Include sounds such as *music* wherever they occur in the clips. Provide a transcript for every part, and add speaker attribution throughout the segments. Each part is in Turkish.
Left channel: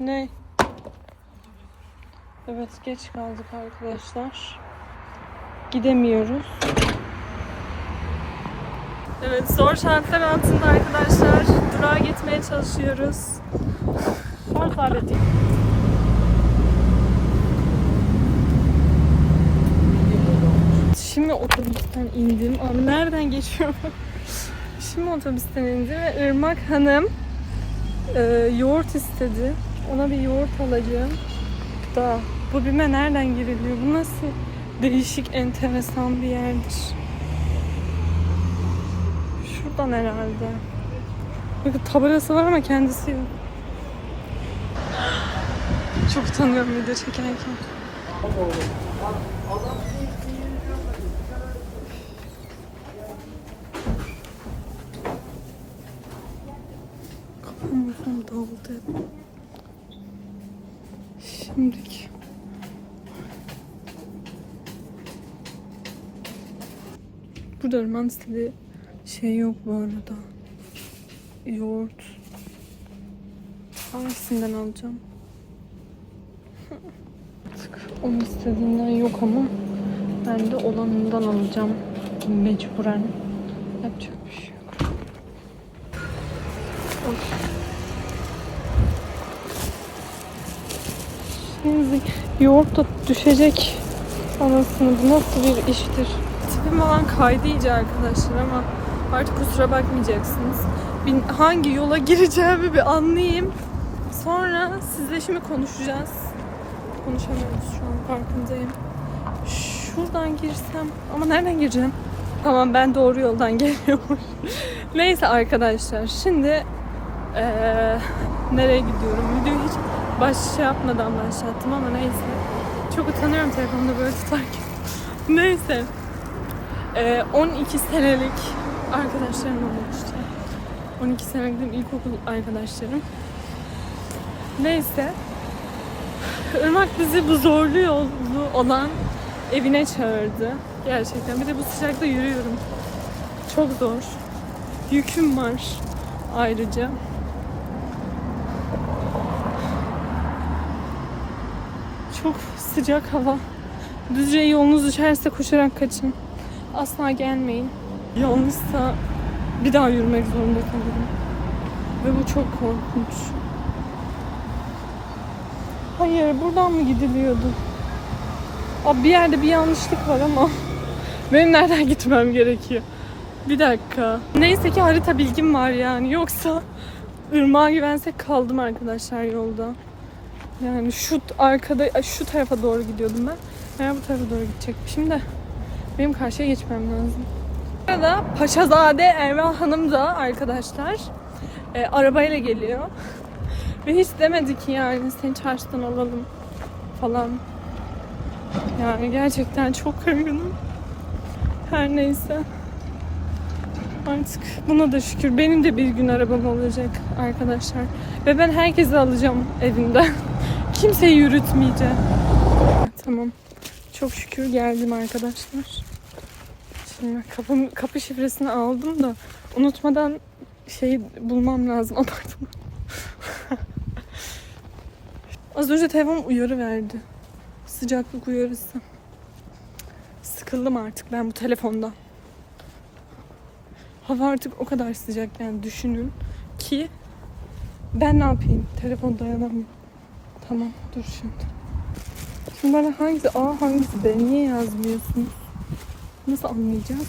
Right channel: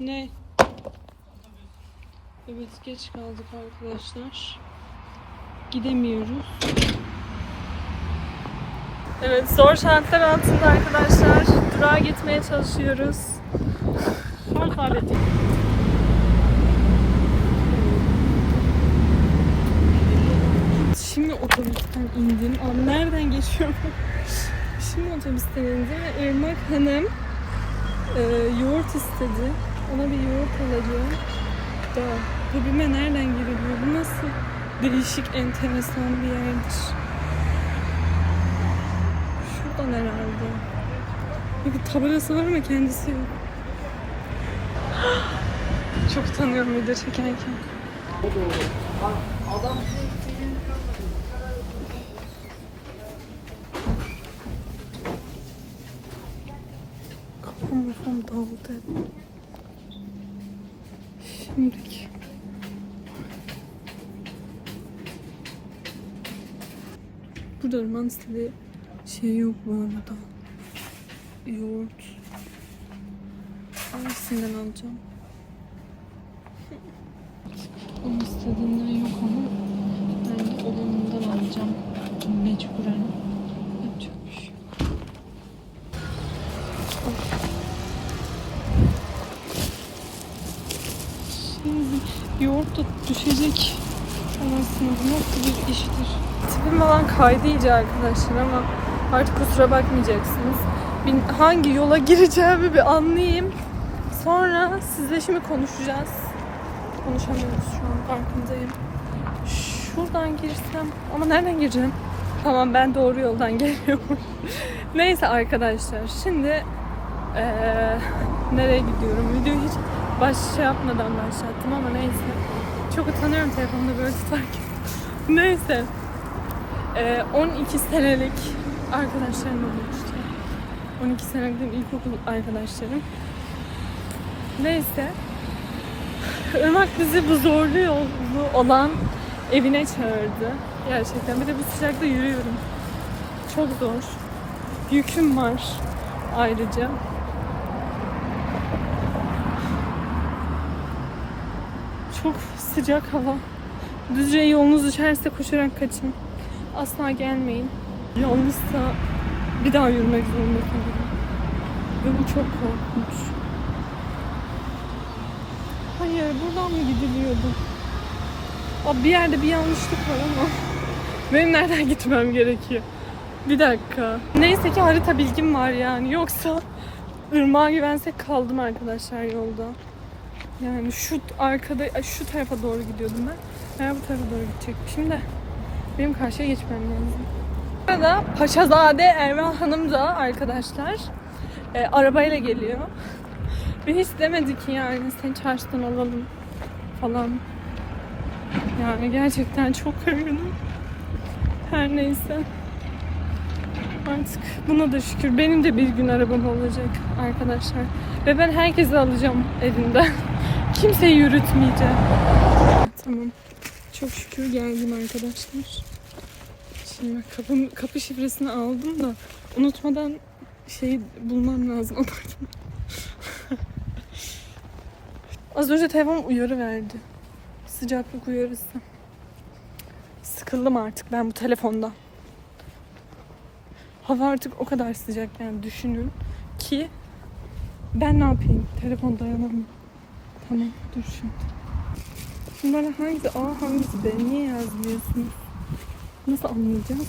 Speaker 1: Ne? Evet geç kaldık arkadaşlar. Gidemiyoruz. Evet zor şartlar altında arkadaşlar durağa gitmeye çalışıyoruz. Ama kaybettik. Şimdi otobüsten indim. Abi nereden geçiyorum? Şimdi otobüsten indim ve Irmak Hanım e, yoğurt istedi. Ona bir yoğurt alacağım. Da bu bilme nereden giriliyor? Bu nasıl değişik, enteresan bir yerdir. Şuradan herhalde. Bakın tabelası var ama kendisi yok. *gasps* Çok utanıyorum video çekerken. Kafam kafam dağıldı. Şimdiki. Burada Irmak'ın istediği şey yok bu arada. Yoğurt. Hangisinden alacağım? *laughs* Onun istediğinden yok ama ben de olanından alacağım. Mecburen. Yapacak bir şey yok. Hoş. Şimdi yoğurt da düşecek. Anasını bu nasıl bir iştir? Tipim falan kaydı iyice arkadaşlar ama artık kusura bakmayacaksınız. Hangi yola *laughs* gireceğimi bir anlayayım. Sonra sizle şimdi konuşacağız. Konuşamıyoruz şu an farkındayım. Şuradan girsem ama nereden gireceğim? Tamam ben doğru yoldan *laughs* geliyorum. Neyse arkadaşlar şimdi eee, nereye gidiyorum? Videoyu hiç baş şey yapmadan başlattım ama neyse. Çok utanıyorum telefonda böyle tutarken. *laughs* neyse. Eee, 12 senelik arkadaşlarım olmuştu. 12 senelik ilkokul arkadaşlarım. Neyse. Irmak bizi bu zorlu yolu olan evine çağırdı. Gerçekten. Bir de bu sıcakta yürüyorum. Çok zor. Yüküm var ayrıca. Çok sıcak hava. Düzce yolunuz düşerse koşarak kaçın. Asla gelmeyin. Yalnızsa bir daha yürümek zorunda kalırım. Ve bu çok korkunç. Hayır, buradan mı gidiliyordu? Abi bir yerde bir yanlışlık var ama *laughs* benim nereden gitmem gerekiyor? Bir dakika. Neyse ki harita bilgim var yani. Yoksa ırmağa güvensek kaldım arkadaşlar yolda. Yani şu arkada, şu tarafa doğru gidiyordum ben. Ben bu tarafa doğru gidecektim de. Benim karşıya geçmem lazım. Burada Paşazade Erman Hanım da arkadaşlar e, arabayla geliyor. Ve hiç demedi ki yani seni çarşıdan alalım falan. Yani gerçekten çok üzgünüm. Her neyse. Artık buna da şükür. Benim de bir gün arabam olacak arkadaşlar. Ve ben herkesi alacağım evinden. Kimseyi yürütmeyeceğim. Tamam. Çok şükür geldim arkadaşlar. Şimdi kapı, kapı şifresini aldım da unutmadan şey bulmam lazım *laughs* apartman. Az önce telefon uyarı verdi. Sıcaklık uyarısı. Sıkıldım artık ben bu telefonda. Hava artık o kadar sıcak yani düşünün ki ben ne yapayım? Telefon dayanamıyor. Tamam dur şimdi. Şimdi bana hangisi A hangisi B niye yazmıyorsunuz? Nasıl anlayacağız?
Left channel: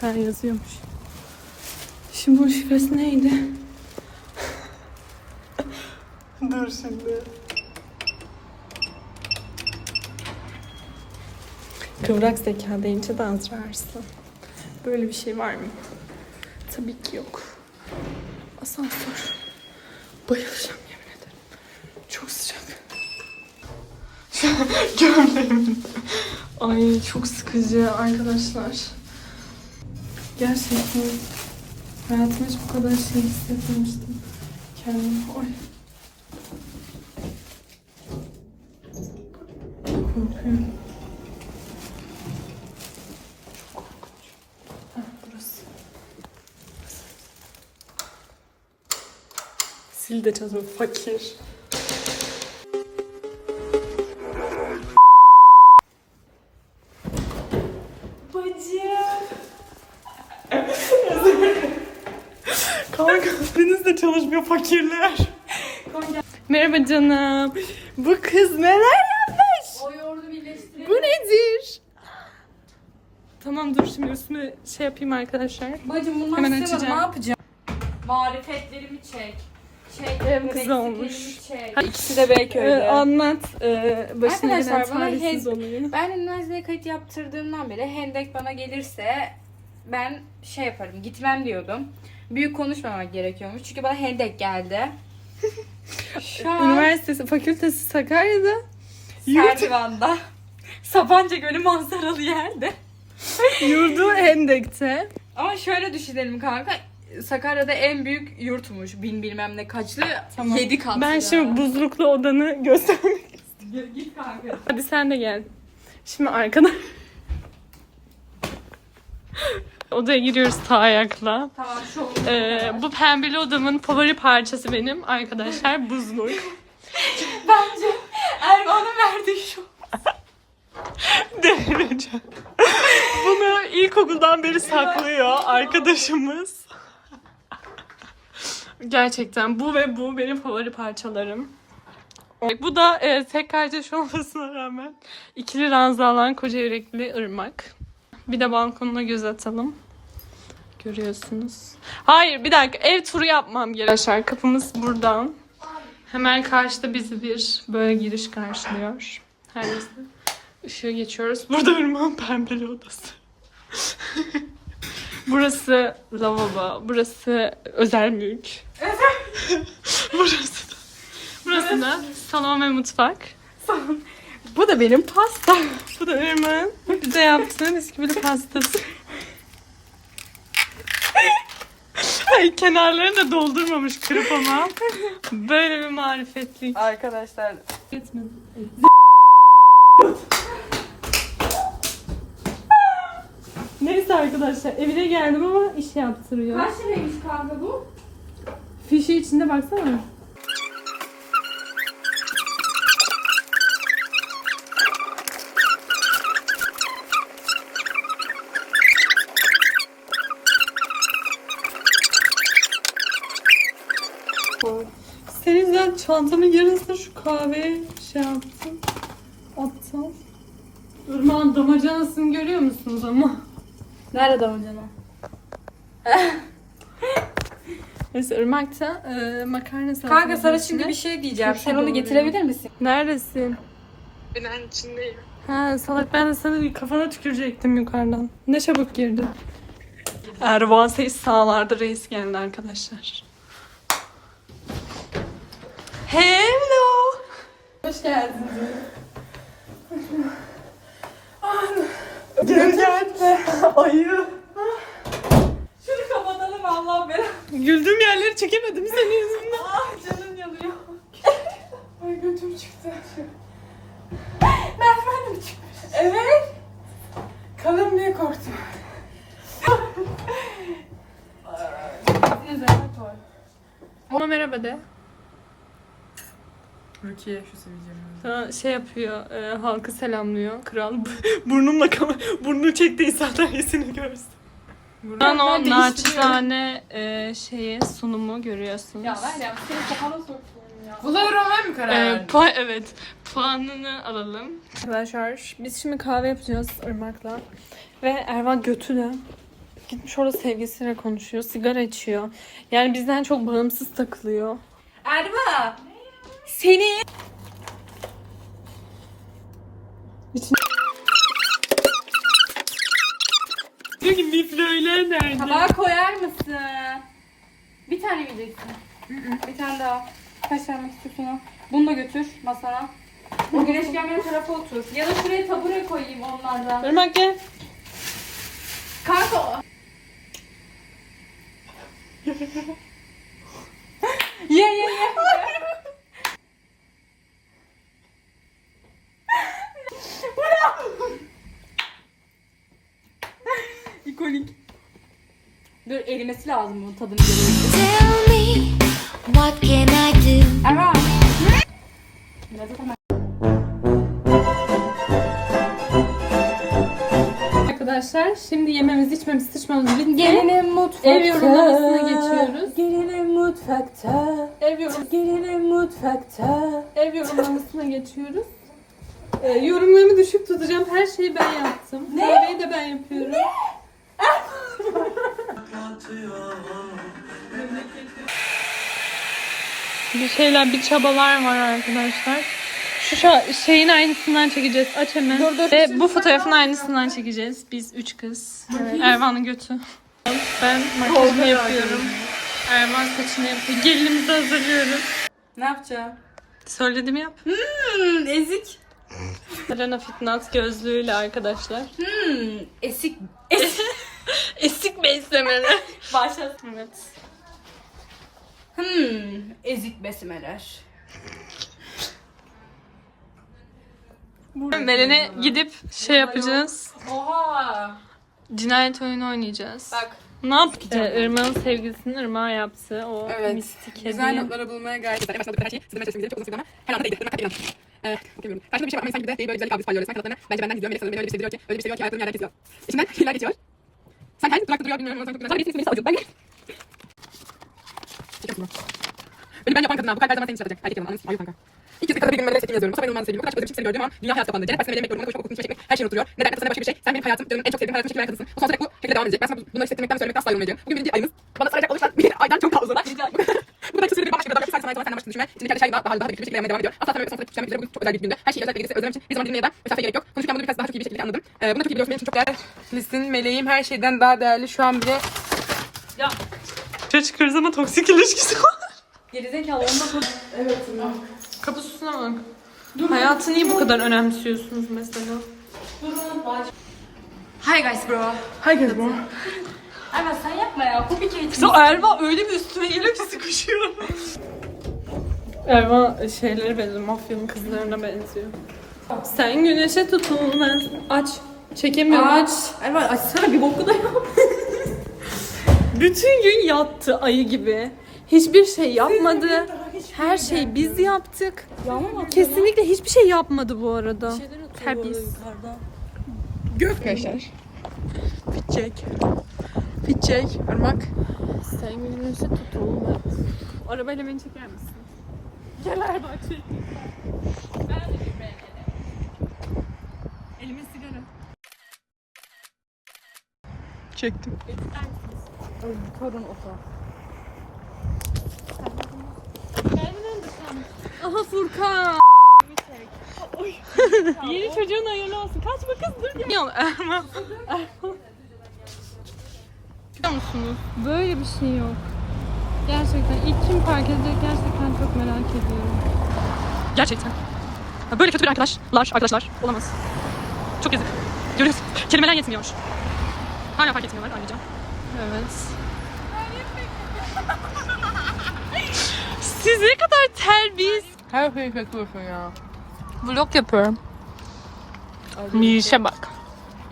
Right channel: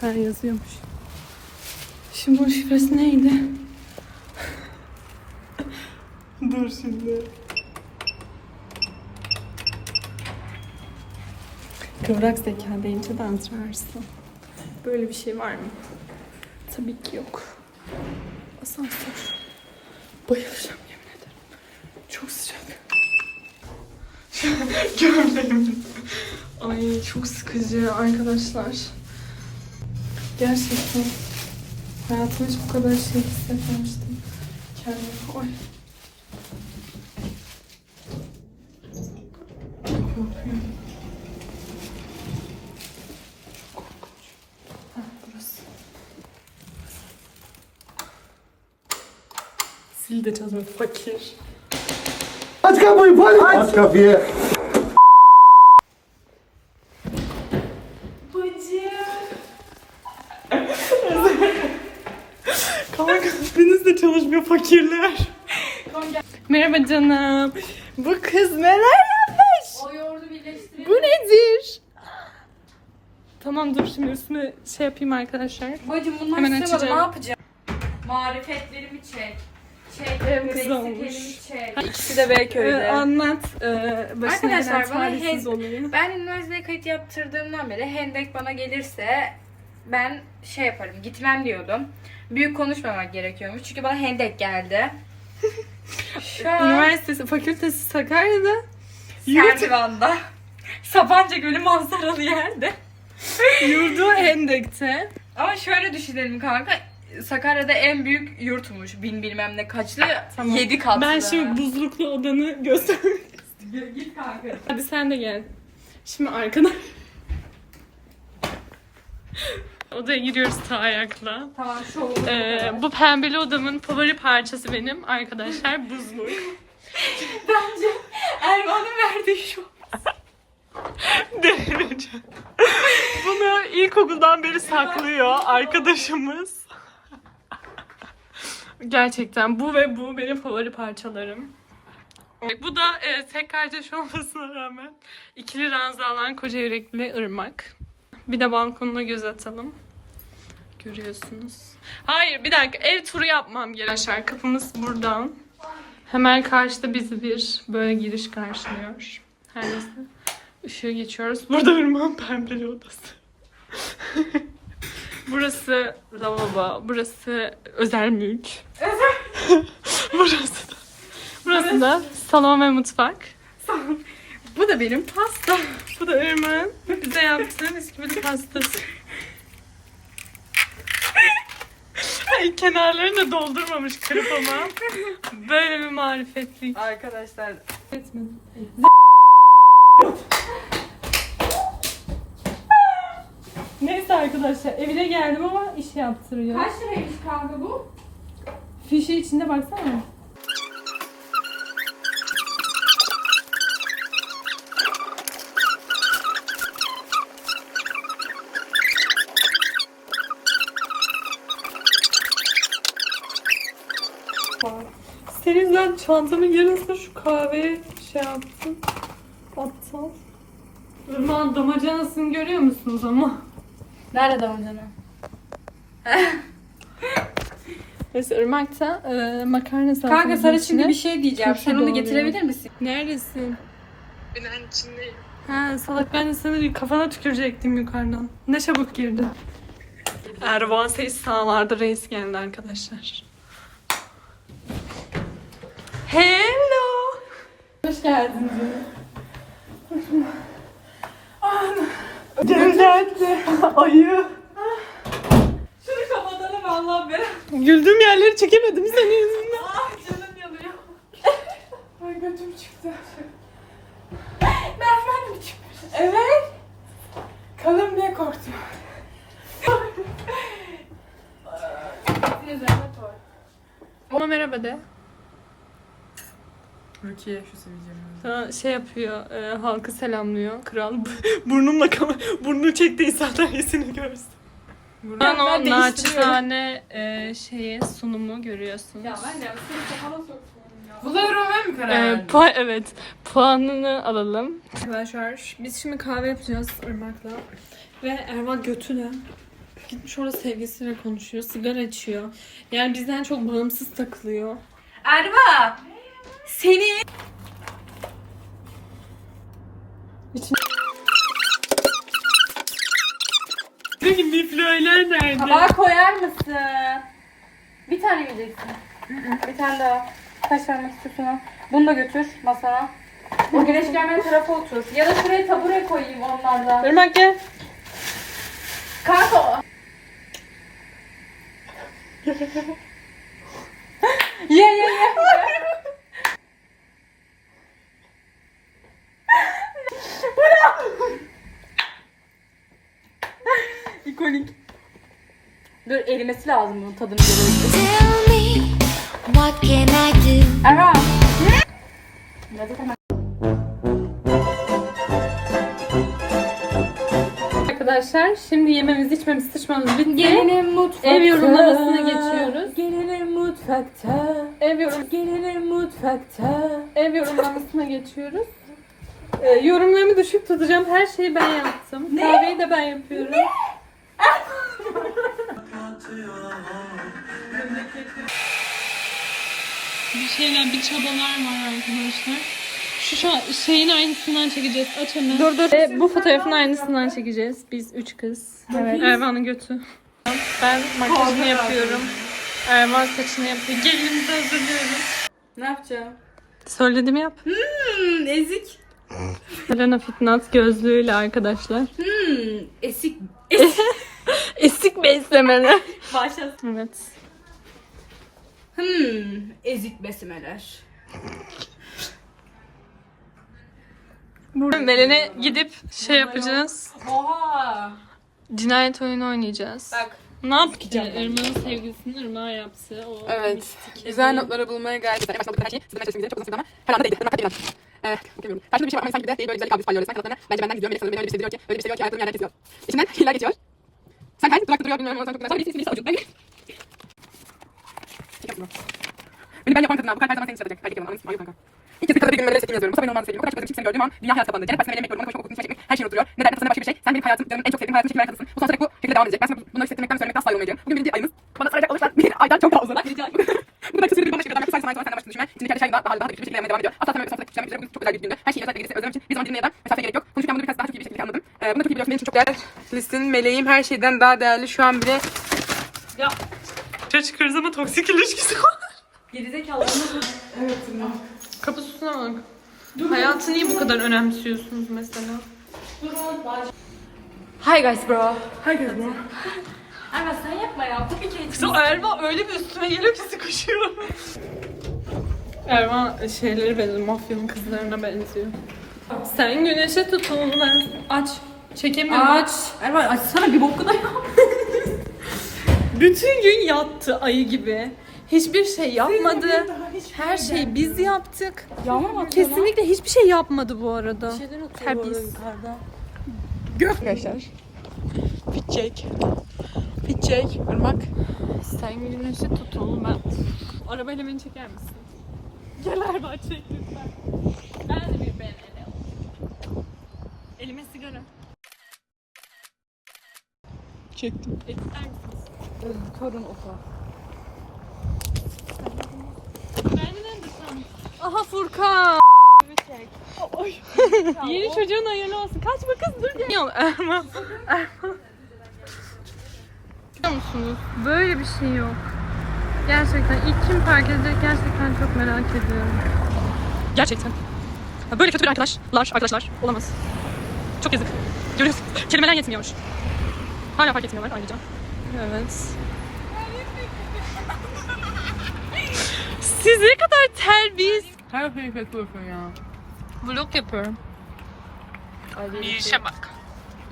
Speaker 1: Ha yazıyormuş. Şimdi bu şifresi neydi? *laughs* Dur şimdi. Kıvrak zeka deyince de Azra Arslan. Böyle bir şey var mı? Tabii ki yok. Asansör. Bayılacağım yemin ederim. Çok sıcak. *laughs* Gömleğim. Ay çok sıkıcı arkadaşlar. Gerçekten hayatımda hiç bu kadar şey hissetmemiştim. Kendimi. Oy. Korkuyorum. Çok korkunç. Ha burası. Pil de çalışmıyor. Fakir.
Speaker 2: Aç kapıyı polis. Aç kapıyı.
Speaker 1: Kanka deniz de çalışmıyor fakirler. Merhaba canım. Bu kız neler yapmış?
Speaker 3: O yoğurdu birleştirelim.
Speaker 1: Bu nedir? Tamam dur şimdi üstüne şey yapayım arkadaşlar.
Speaker 3: Bacım bunu
Speaker 1: Hemen açacağım.
Speaker 3: Ne yapacağım? Marifetlerimi çek.
Speaker 1: Benim kız olmuş. İkisi de Beyköy'de. anlat. Ee, başına
Speaker 3: Arkadaşlar,
Speaker 1: gelen
Speaker 3: bana
Speaker 1: talihsiz.
Speaker 3: Ben üniversiteye kayıt yaptırdığımdan beri Hendek bana gelirse ben şey yaparım gitmem diyordum. Büyük konuşmamak gerekiyormuş. Çünkü bana Hendek geldi. *laughs* Şu an
Speaker 1: Üniversitesi, fakültesi Sakarya'da. Yurt,
Speaker 3: Serdivan'da. *laughs* Sapanca Gölü manzaralı yerde.
Speaker 1: yurdu Hendek'te.
Speaker 3: Ama şöyle düşünelim kanka. Sakarya'da en büyük yurtmuş. Bin bilmem ne kaçlı.
Speaker 1: Tamam.
Speaker 3: Yedi katlı.
Speaker 1: Ben şimdi buzluklu odanı göstereyim.
Speaker 3: Git kanka.
Speaker 1: Hadi sen de gel. Şimdi arkadaş. Odaya giriyoruz sağ ayakla.
Speaker 3: Tamam şu
Speaker 1: Ee, bu pembeli odamın favori parçası benim arkadaşlar buzluk.
Speaker 3: Bence Erman'ın verdiği şu.
Speaker 1: Delireceğim. Bunu ilkokuldan beri saklıyor arkadaşımız. Gerçekten bu ve bu benim favori parçalarım. Bu da e, tek kardeş olmasına rağmen ikili ranza alan koca yürekli ırmak. Bir de balkonuna göz atalım. Görüyorsunuz. Hayır bir dakika ev turu yapmam. Arkadaşlar kapımız buradan. Hemen karşıda bizi bir böyle giriş karşılıyor. Her neyse. Işığı geçiyoruz. Burada Irmak'ın pembeli odası. *laughs* burası lavabo. Burası özel mülk. *laughs* burası da, burası da salon ve mutfak. Bu da benim pastam. Bu da Irmak'ın bize yaptığı bisküvili pastası. Ay, kenarlarını da doldurmamış kırıp ama. Böyle bir marifetlik.
Speaker 3: Arkadaşlar
Speaker 1: Neyse arkadaşlar evine geldim ama iş yaptırıyor.
Speaker 3: kaç liraymış kanka bu?
Speaker 1: Fişi içinde baksana. Senin ben çantamın yarısını şu kahveye şey yaptım. Aptal. Irmağın damacanasını görüyor musunuz ama?
Speaker 3: Nerede damacana? *laughs*
Speaker 1: Neyse Irmak'ta e, makarna salçası.
Speaker 3: Kanka sana şimdi bir şey diyeceğim. Sen onu getirebilir misin?
Speaker 1: Neredesin? Binanın içindeyim. Ha salak ben de sana bir kafana tükürecektim yukarıdan. Ne çabuk girdin. Ervan Seyis sağlarda reis geldi arkadaşlar. Hello. Hoş geldin Gel gel. Ayı.
Speaker 3: Şunu kapatalım Allah belanı.
Speaker 1: Güldüğüm yerleri çekemedim senin yüzünden.
Speaker 3: Ah canım yanıyor.
Speaker 1: Ay götüm çıktı.
Speaker 3: Merdiven mi çıkmış? Evet.
Speaker 1: Kanım niye korktu? Ama merhaba de.
Speaker 3: Rukiye şu seveceğim.
Speaker 1: Sana şey yapıyor, e, halkı selamlıyor. Kral *laughs* burnumla kama burnunu çekti insanlar iyisini görsün. Buradan o naçizane e, şeyi sunumu görüyorsunuz.
Speaker 3: Ya ver ya senin kafana sokuyorum ya.
Speaker 4: Buna Roman mı karar
Speaker 1: E,
Speaker 4: verdin?
Speaker 1: pu- evet, puanını alalım. Arkadaşlar biz şimdi kahve yapacağız Irmak'la. Ve Erva götü de gitmiş orada sevgilisiyle konuşuyor, sigara içiyor. Yani bizden çok bağımsız takılıyor.
Speaker 3: Erva. Seni.
Speaker 1: Biflöyler nerede?
Speaker 3: Tabağa koyar mısın? Bir tane yiyeceksin? Bir tane daha. Kaç vermek istiyorsun. Bunu da götür masana. O güneş gelmeyen tarafa otur. Ya da şuraya tabure koyayım onlardan.
Speaker 1: Irmak gel.
Speaker 3: Kanka İkonik. Dur erimesi lazım bunun tadını görüyorum.
Speaker 5: Tell me
Speaker 4: What can I do?
Speaker 3: Erva.
Speaker 1: Arkadaşlar şimdi yememiz içmemiz sıçmamız bitti.
Speaker 3: Gelinim mutfakta.
Speaker 1: Ev yorumlamasına geçiyoruz.
Speaker 3: Gelinim mutfakta.
Speaker 1: Ev, yorum,
Speaker 3: Gelinim mutfakta.
Speaker 1: ev yorumlamasına geçiyoruz. Ee, yorumlarımı düşük tutacağım. Her şeyi ben yaptım. Kahveyi de ben yapıyorum. Bir şeyler, bir çabalar var arkadaşlar. Şu şa- şeyin aynısından çekeceğiz. Aç hemen. Dur dur. Ve bu fotoğrafın aynısından çekeceğiz. Biz üç kız. Evet. Ervan'ın götü. Ben makyajımı yapıyorum. Ervan saçını yapıyor. Gelinimizi hazırlıyoruz.
Speaker 3: Ne yapacağım?
Speaker 1: Söyledim yap.
Speaker 3: Hmm, ezik.
Speaker 1: Elena Fitness gözlüğüyle arkadaşlar.
Speaker 3: Hmm, esik.
Speaker 1: Esik *laughs* *laughs* beslemeli.
Speaker 3: Başlasın.
Speaker 1: evet.
Speaker 3: Hmm, ezik besmeler.
Speaker 1: Belen'e gidip şey yapacağız.
Speaker 3: Oha.
Speaker 1: Cinayet oyunu oynayacağız.
Speaker 3: Bak.
Speaker 1: Ne yaptık? İşte Irmak'ın sevgilisinin Irmak'a yaptığı o
Speaker 3: Evet.
Speaker 1: mistik
Speaker 3: Güzel
Speaker 1: hediye.
Speaker 3: notları bulmaya gayret. En başta her şey sizin ben çalıştığım çok uzun sürdü ama her anda değildi. Irmak kalp ilan. Ee, okuyamıyorum. Karşımda bir şey var ama sanki bir de değil böyle güzellik kavgası paylaşıyor. Sen kanatlarını bence benden gizliyor. Melek sanırım beni öyle bir şey diyor ki öyle bir şey diyor ki ayaklarım yerden kesiyor. İçinden *laughs* yıllar geçiyor. Sen kay durakta duruyor bilmiyorum sen çok güzel. Sonra birisi birisi avucunda. Şaka Beni ben yapan kadın al. Bu kalp her zaman seni çıkartacak. Erkek yalan. Anladın mı? kanka. Bir bir gün böyle sevdiğimi yazıyorum. Bu sefer olmaz sevgilim. Bu kadar çok seni gördüğüm an dünya hayat kapandı. Cennet partisine yemek yorumuna koşmak, okul çekmek, her şey oturuyor. Ne derdim sana başka bir şey. Sen benim hayatım, canım, en çok sevdiğim hayatım, şekil kadısın. Bu sonsuza dek bu şekilde devam edecek. Ben sana bunları hissettirmekten söylemekten asla yorulmayacağım. Bugün birinci ayımız. Bana saracak olursan bir aydan çok daha uzun. Bu kadar kısa sürede bir bambaşka bir. Sadece senden başka düşünme. Kendi her şey daha daha daha bir şekilde devam ediyor. Asla. Sonsuza düşen bir bugün çok özel bir günde. Her şeyi özellikle birisi özlem için bir zaman dinlemeye de mesafe gerek yok. Konuşurken bunu biraz daha çok iyi bir şekilde anladım. Ee, bunu da çok iyi biliyorsun. Benim için çok değerli. Filistin meleğim her şeyden daha değerli. Şu an bile
Speaker 1: Çocuk çıkarız ama toksik ilişkisi var.
Speaker 3: Gerizekalı.
Speaker 1: Kapısına bak. Hayatı niye bu kadar önemsiyorsunuz mesela?
Speaker 3: Hi guys bro.
Speaker 1: Herkes bu.
Speaker 3: Erman sen yapma ya. Bu bir kere
Speaker 1: So Erva öyle bir üstüme geliyor ki sıkışıyor. Erva şeyleri benziyor, mafyanın kızlarına benziyor. Sen güneşe tutun ben aç. Çekemiyorum.
Speaker 3: Aç. Erman açsana bir boku da yap. *laughs*
Speaker 1: Bütün gün yattı ayı gibi. Hiçbir şey yapmadı. Her şeyi biz yaptık. Kesinlikle hiçbir şey yapmadı bu arada. Terbiyesiz.
Speaker 5: Arkadaşlar. Fitçek. Fitçek. Irmak.
Speaker 1: Sen güneşe tutun ben. Arabayla beni çeker misin? Gel Erva çek. Ben de bir beğenelim. Elime sigara.
Speaker 5: Çektim.
Speaker 3: Torun oto.
Speaker 1: Aha Furkan. Yeni çocuğun hayırlı olsun. Kaçma kız dur gel. Yok Erman. Erman. Biliyor musunuz? Böyle bir şey yok. Gerçekten ilk kim park edecek gerçekten çok merak ediyorum. Gerçekten. Böyle kötü bir arkadaşlar, arkadaşlar olamaz. Çok yazık. Görüyorsunuz. Kelimeler yetmiyor. Hala fark etmiyorlar ayrıca. Evet. Siz ne kadar terbiyesiz.
Speaker 5: Her şeyi kötüyorsun ya.
Speaker 1: Vlog yapıyorum. Mirişe bak.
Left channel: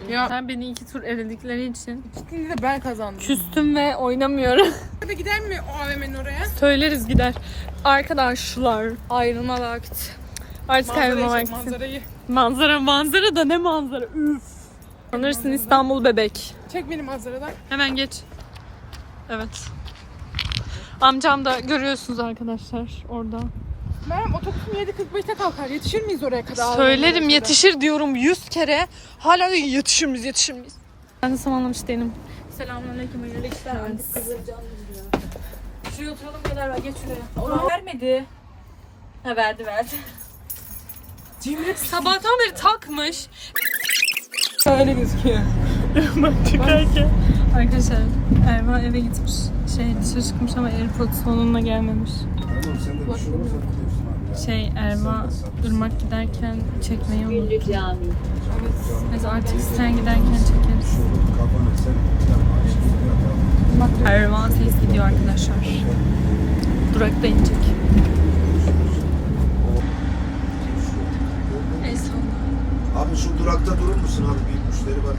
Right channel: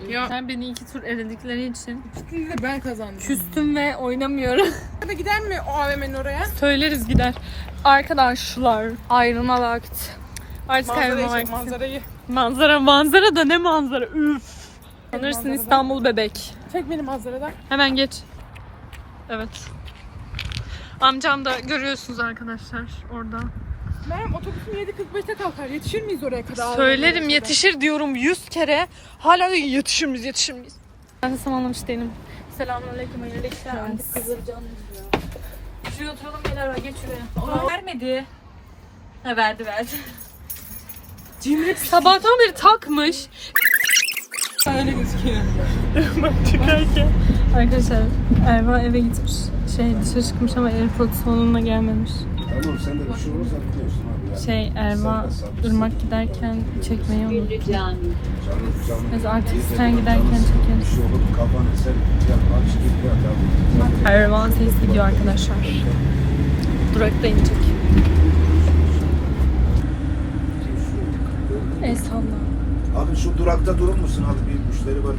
Speaker 5: Ya
Speaker 1: Sen beni iki tur eledikleri için
Speaker 5: ikisini de ben kazandım.
Speaker 1: küstüm ve oynamıyorum.
Speaker 5: Hadi gider mi o AVM'nin oraya?
Speaker 1: Söyleriz gider. Arkadaşlar.
Speaker 3: Ayrılma vakti.
Speaker 1: Artık
Speaker 5: Manzarayı
Speaker 1: ayrılma
Speaker 5: çek,
Speaker 1: vakti.
Speaker 5: manzarayı.
Speaker 1: Manzara manzara da ne manzara üf. Sanırsın İstanbul bebek.
Speaker 5: Çek beni manzaradan.
Speaker 1: Hemen geç. Evet. Amcam da görüyorsunuz arkadaşlar orada.
Speaker 5: Meryem otobüsüm 7.45'te kalkar. Yetişir miyiz oraya kadar?
Speaker 1: Söylerim yetişir diyorum yüz kere. Hala da yetişir miyiz yetişir miyiz? Ben de zamanlamış değilim.
Speaker 3: Selamünaleyküm hayırlı işler. Şuraya oturalım gel Erman geç şuraya. Vermedi. Ha verdi verdi.
Speaker 1: Sabahtan beri takmış.
Speaker 5: Öyle gözüküyor. *laughs*
Speaker 1: Bak çıkarken. Arkadaşlar Erva eve gitmiş. Şey dışarı çıkmış ama Airpods onunla gelmemiş. Şey Erva ırmak giderken çekmeyi unuttu. Neyse artık sen giderken çekeriz. Erva ses gidiyor arkadaşlar. Durakta inecek.
Speaker 2: Abi şu durakta durur musun abi? Bir müşteri var.